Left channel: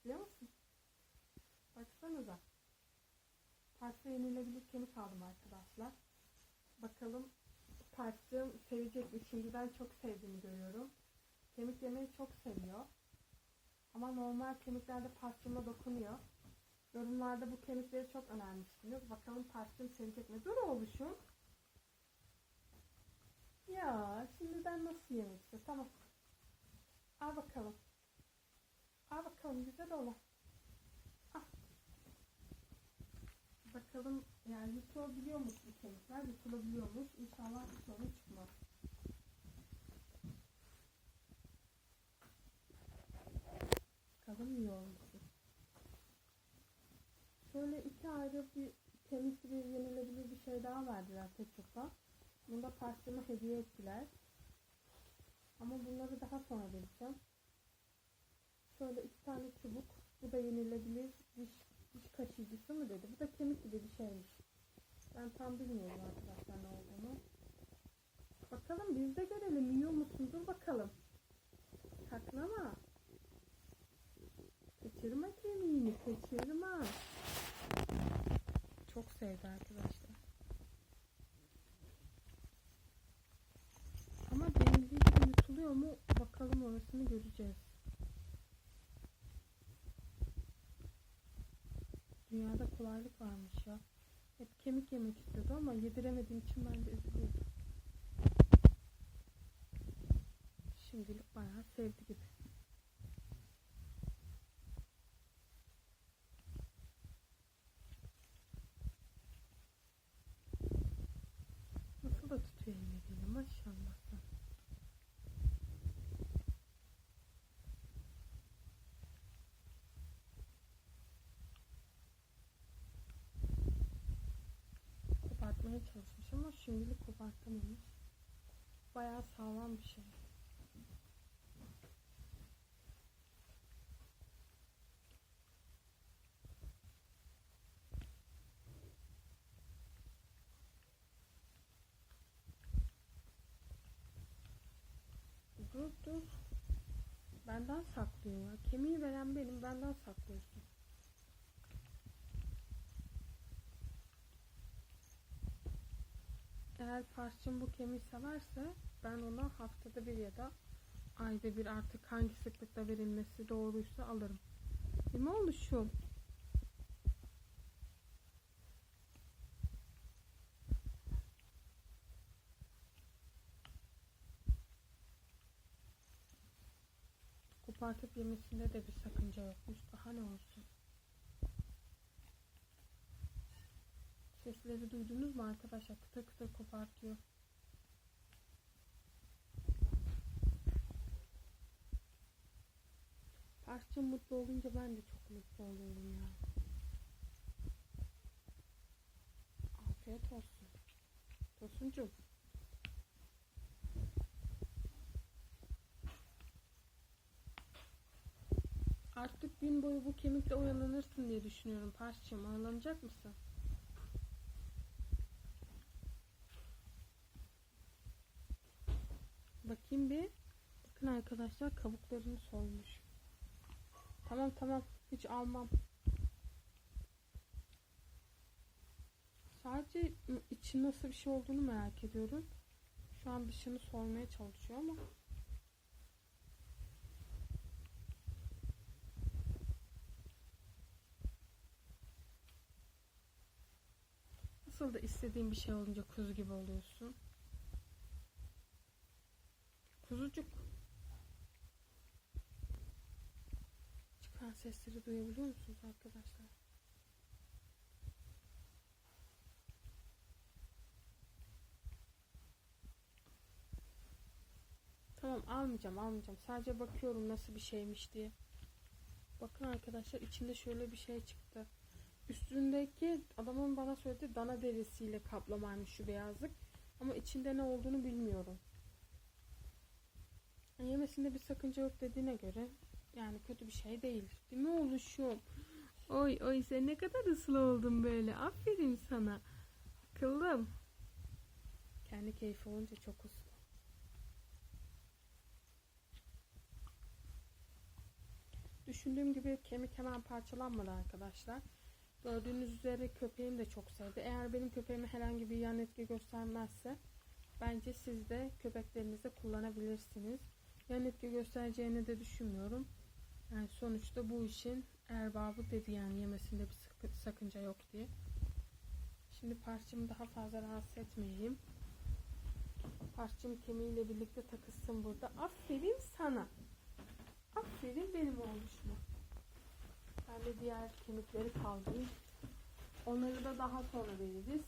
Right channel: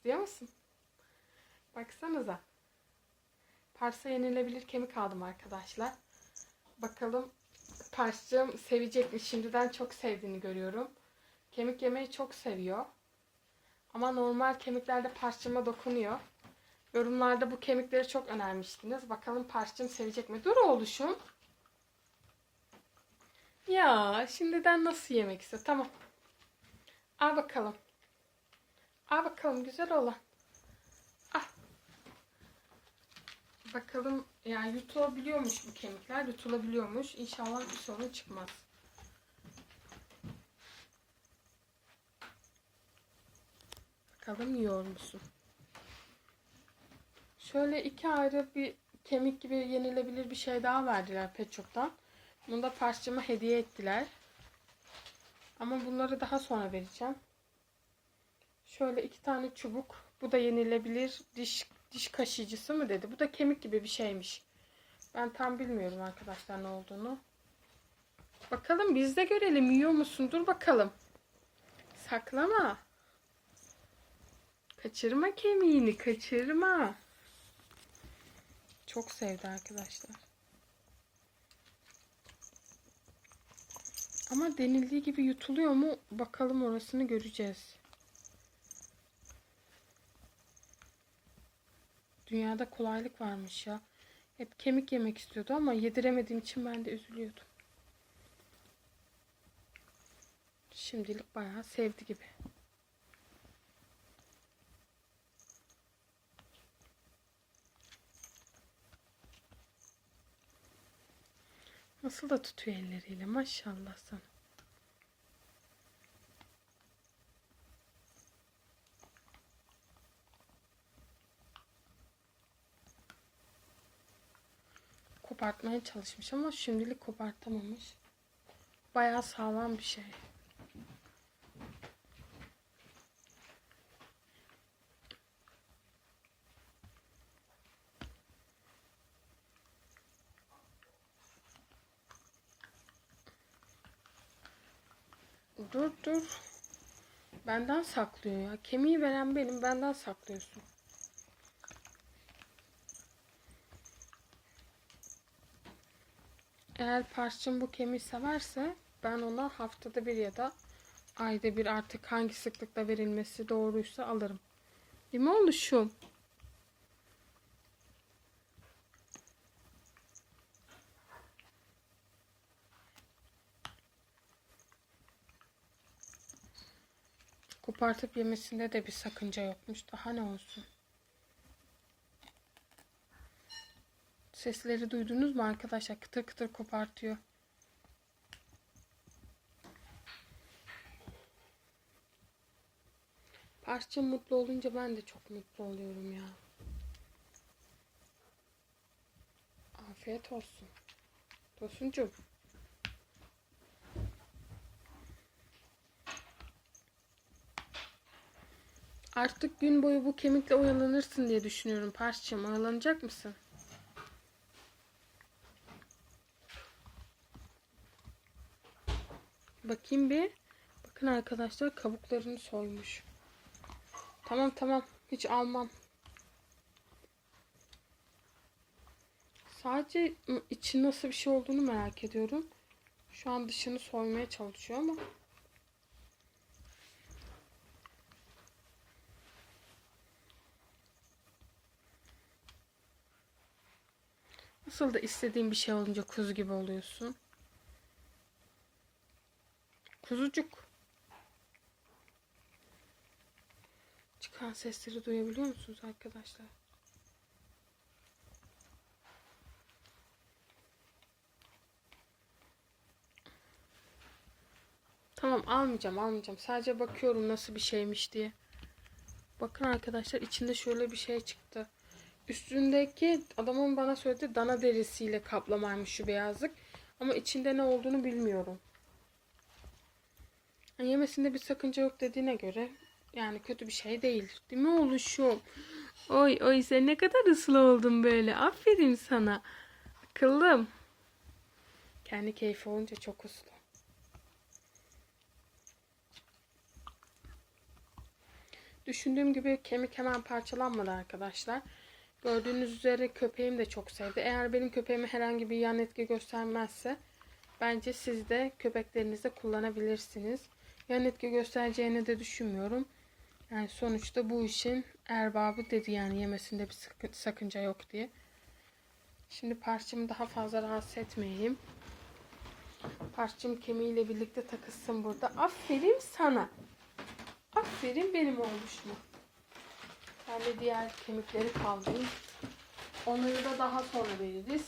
istiyor musun? Baksanıza. Parsa yenilebilir kemik aldım arkadaşlar. Bakalım Pars'cığım sevecek mi? Şimdiden çok sevdiğini görüyorum. Kemik yemeyi çok seviyor. Ama normal kemiklerde Pars'cığıma dokunuyor. Yorumlarda bu kemikleri çok önermiştiniz. Bakalım Pars'cığım sevecek mi? Dur oğluşum. Ya şimdiden nasıl yemek istiyor? Tamam. Al bakalım. Al bakalım güzel olan. Al. Bakalım yani yutulabiliyormuş bu kemikler. Yutulabiliyormuş. İnşallah bir sorun çıkmaz. Bakalım yiyor musun? Şöyle iki ayrı bir kemik gibi yenilebilir bir şey daha verdiler Pet Shop'tan. Bunu da parçama hediye ettiler. Ama bunları daha sonra vereceğim. Şöyle iki tane çubuk. Bu da yenilebilir diş diş kaşıyıcısı mı dedi. Bu da kemik gibi bir şeymiş. Ben tam bilmiyorum arkadaşlar ne olduğunu. Bakalım biz de görelim. Yiyor musun? Dur bakalım. Saklama. Kaçırma kemiğini. Kaçırma. Çok sevdi arkadaşlar. Ama denildiği gibi yutuluyor mu? Bakalım orasını göreceğiz. Dünyada kolaylık varmış ya. Hep kemik yemek istiyordu ama yediremediğim için ben de üzülüyordum. Şimdilik bayağı sevdi gibi. Nasıl da tutuyor elleriyle maşallah sana. Kopartmaya çalışmış ama şimdilik kopartamamış. Bayağı sağlam bir şey. Dur dur. Benden saklıyor ya. Kemiği veren benim. Benden saklıyorsun. Eğer parçam bu kemiği severse ben ona haftada bir ya da ayda bir artık hangi sıklıkta verilmesi doğruysa alırım. Mi oluşum? Kopartıp yemesinde de bir sakınca yokmuş. Daha ne olsun? Sesleri duydunuz mu arkadaşlar? Kıtır kıtır kopartıyor. Parça mutlu olunca ben de çok mutlu oluyorum ya. Afiyet olsun. Tosuncuğum. Artık gün boyu bu kemikle oyalanırsın diye düşünüyorum Parçacığım. Oyalanacak mısın? Bakayım bir. Bakın arkadaşlar kabuklarını soymuş. Tamam tamam. Hiç almam. Sadece içi nasıl bir şey olduğunu merak ediyorum. Şu an dışını soymaya çalışıyor ama. Nasıl da istediğin bir şey olunca kuzu gibi oluyorsun. Kuzucuk. Çıkan sesleri duyabiliyor musunuz arkadaşlar? Tamam almayacağım almayacağım. Sadece bakıyorum nasıl bir şeymiş diye. Bakın arkadaşlar içinde şöyle bir şey çıktı. Üstündeki adamın bana söylediği dana derisiyle kaplamaymış şu beyazlık. Ama içinde ne olduğunu bilmiyorum. Yemesinde bir sakınca yok dediğine göre yani kötü bir şey değil. Değil mi oluşum? Oy oy sen ne kadar ıslı oldun böyle. Aferin sana. Akıllım. Kendi keyfi olunca çok uslu. Düşündüğüm gibi kemik hemen parçalanmadı arkadaşlar. Gördüğünüz üzere köpeğim de çok sevdi. Eğer benim köpeğime herhangi bir yan etki göstermezse bence siz de köpeklerinizde kullanabilirsiniz. Yan etki göstereceğini de düşünmüyorum. Yani sonuçta bu işin erbabı dedi yani yemesinde bir sakınca yok diye. Şimdi parçamı daha fazla rahatsız etmeyeyim. Parçam kemiğiyle birlikte takılsın burada. Aferin sana. Aferin benim olmuş mu? Ben de diğer kemikleri kaldırayım. Onları da daha sonra veririz.